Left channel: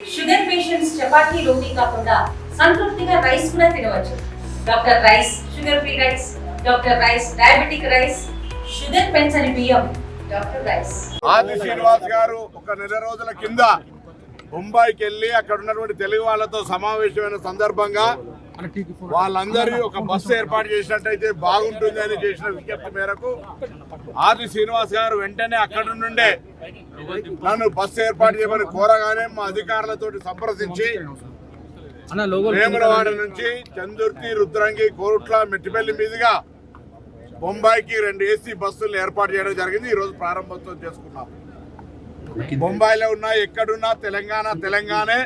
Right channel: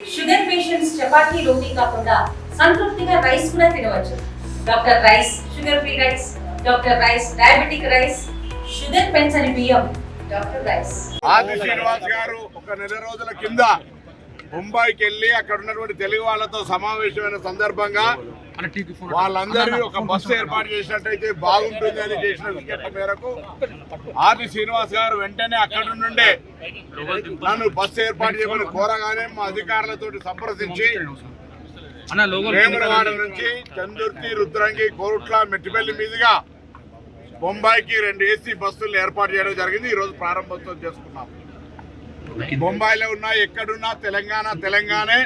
Sugar patients chapati రోటీ కాకుండా సంతృప్తిగా rice కూడా తినవచ్చు. Doctor rice, sugar free rice, doctor rice, diabetic rice, sugar పెంచని బియ్యం, డాక్టర్ రైస్. ఆది శ్రీనివాస్ గారు ఒక నెల రోజుల కింద ముంబైకి వెళ్ళి అక్కడ ఉన్నటువంటి తెలుగు వాళ్ళతో సమావేశమైన సందర్భంగా వాళ్ళందరూ ఒక బస్సు ఏర్పాటు చేసినట్టయితే బాగుంటుంది అని చేసిన విజ్ఞప్తి మేరకు ఆది శ్రీనివాస్ గారు వెంటనే అక్కడి నుండే నన్ను బస్సు ఏర్పాటు చేయమని కోరగానే మా అధికారులతో సంప్రదించి వేములవాడ నుంచి చందుర్తి, రుద్రంగి, కోరుట్ల, మెట్టిపల్లి మీదుగా బొంబాయికి 2 ఏసీ బస్సులు ఏర్పాటు చేయడం జరిగింది. ఈ రోజు ప్రారంభోత్సవం చేసుకున్నాం. బొంబాయిలో ఉన్నా ఎక్కడున్నా తెలంగాణే.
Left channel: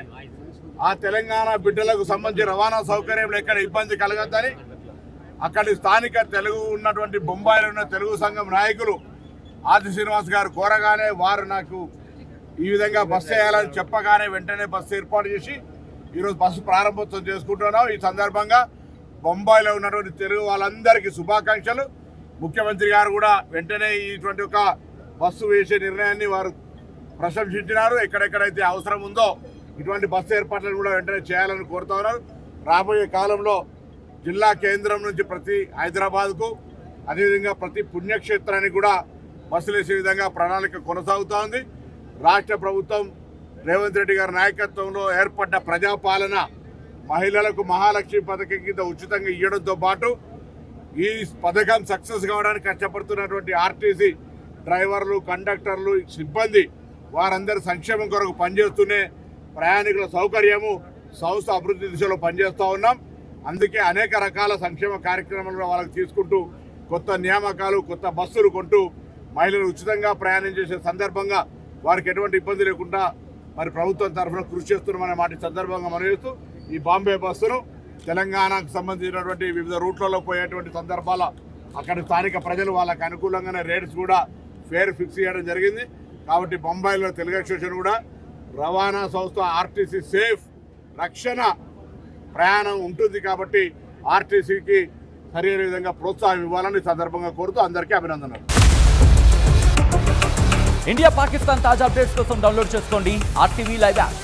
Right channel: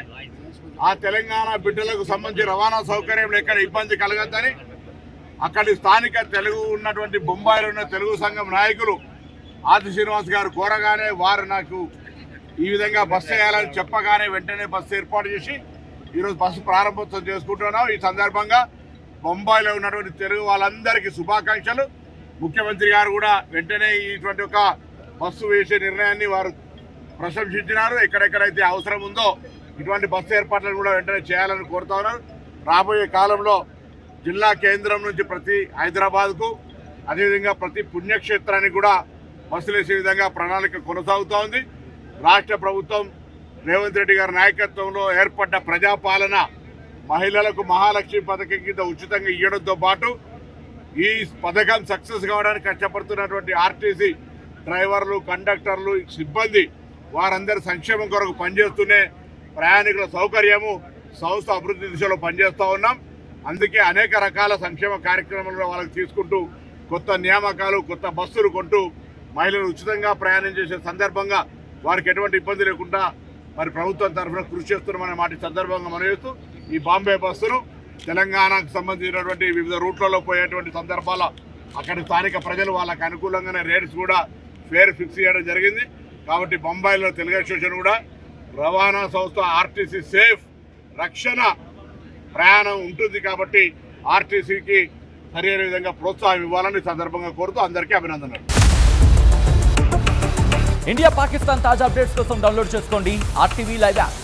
ఆ తెలంగాణ బిడ్డలకు సంబంధించి రవాణా సౌకర్యంలో ఎక్కడ ఇబ్బంది కలగద్దని అక్కడి స్థానిక తెలుగు ఉన్నటువంటి బొంబాయిలో ఉన్న తెలుగు సంఘం నాయకులు ఆది శ్రీనివాస్ గారు కోరగానే వారు నాకు ఈ విధంగా బస్సు వేయాలని చెప్పగానే వెంటనే బస్సు ఏర్పాటు చేసి ఈరోజు బస్సు ప్రారంభోత్సవం చేసుకుంటున్నాం. ఈ సందర్భంగా బొంబాయిలో ఉన్నటువంటి తెలుగు వాళ్ళందరికీ శుభాకాంక్షలు. ముఖ్యమంత్రి గారు కూడా వెంటనే ఇటువంటి ఒక బస్సు వేసే నిర్ణయాన్ని వారు ప్రశంసించినారు. ఎక్కడెక్కడైతే అవసరం ఉందో ఇటువంటి బస్సు ఏర్పాట్లను కూడా వెంటనే చేయాలని కోరుతా ఉన్నారు. రాబోయే కాలంలో జిల్లా కేంద్రం నుంచి ప్రతి హైదరాబాద్కు అదేవిధంగా ప్రతి పుణ్యక్షేత్రానికి కూడా బస్సులు వేసే విధంగా ప్రణాళిక కొనసాగుతూ ఉంది. రాష్ట్ర ప్రభుత్వం రేవంత్ రెడ్డి గారి నాయకత్వంలో ఏర్పడ్డ ప్రజాపాలన మహిళలకు మహాలక్ష్మి పథకం కింద ఉచితంగా ఇవ్వడంతో పాటు ఈ పథకం సక్సెస్ కావడానికి కష్టపడుతున్నటువంటి ఆర్టీసీ డ్రైవర్లు, కండక్టర్లు, సిబ్బంది వారందరి సంక్షేమం కొరకు పనిచేస్తూనే ప్రయాణికుల సౌకర్యము, సంస్థ అభివృద్ధి దిశలో పనిచేస్తూ ఉన్నాం. అందుకే అనేక రకాల సంక్షేమ కార్యక్రమాలు వాళ్ళకి తీసుకుంటూ కొత్త నియామకాలు, కొత్త బస్సులు కొంటూ మహిళలు ఉచితంగా ప్రయాణం చేసే సందర్భంగా వారికి ఎటువంటి ఇబ్బంది లేకుండా మరి ప్రభుత్వం తరఫున కృషి చేస్తున్నామనే మాట సందర్భంగా మనం చేస్తూ ఈ బాంబే బస్సును తెలంగాణకు సంబంధించినటువంటి వివిధ రూట్లలో పోయేటువంటి సందర్భాల అక్కడ స్థానిక ప్రజలు వాళ్ళకి అనుకూలంగానే రేట్స్ కూడా ఫేర్ ఫిక్స్ చేయడం జరిగింది. కాబట్టి బొంబాయిలో తెలుగు స్టేషన్ కూడా రవాణా సంస్థ ఆర్టీసీ సేఫ్ రక్షణ ప్రయాణం ఉంటుంది. కాబట్టి ఆర్టీసీకి సరైన విధంగా ప్రోత్సాహం ఇవ్వాలని సందర్భంగా కోరుతూ అందరికీ అభినందనలు. ఇండియా పాకిస్తాన్ తాజా అప్డేట్స్ కోసం డౌన్లోడ్ చేసుకోండి RTV లైవ్ యాప్.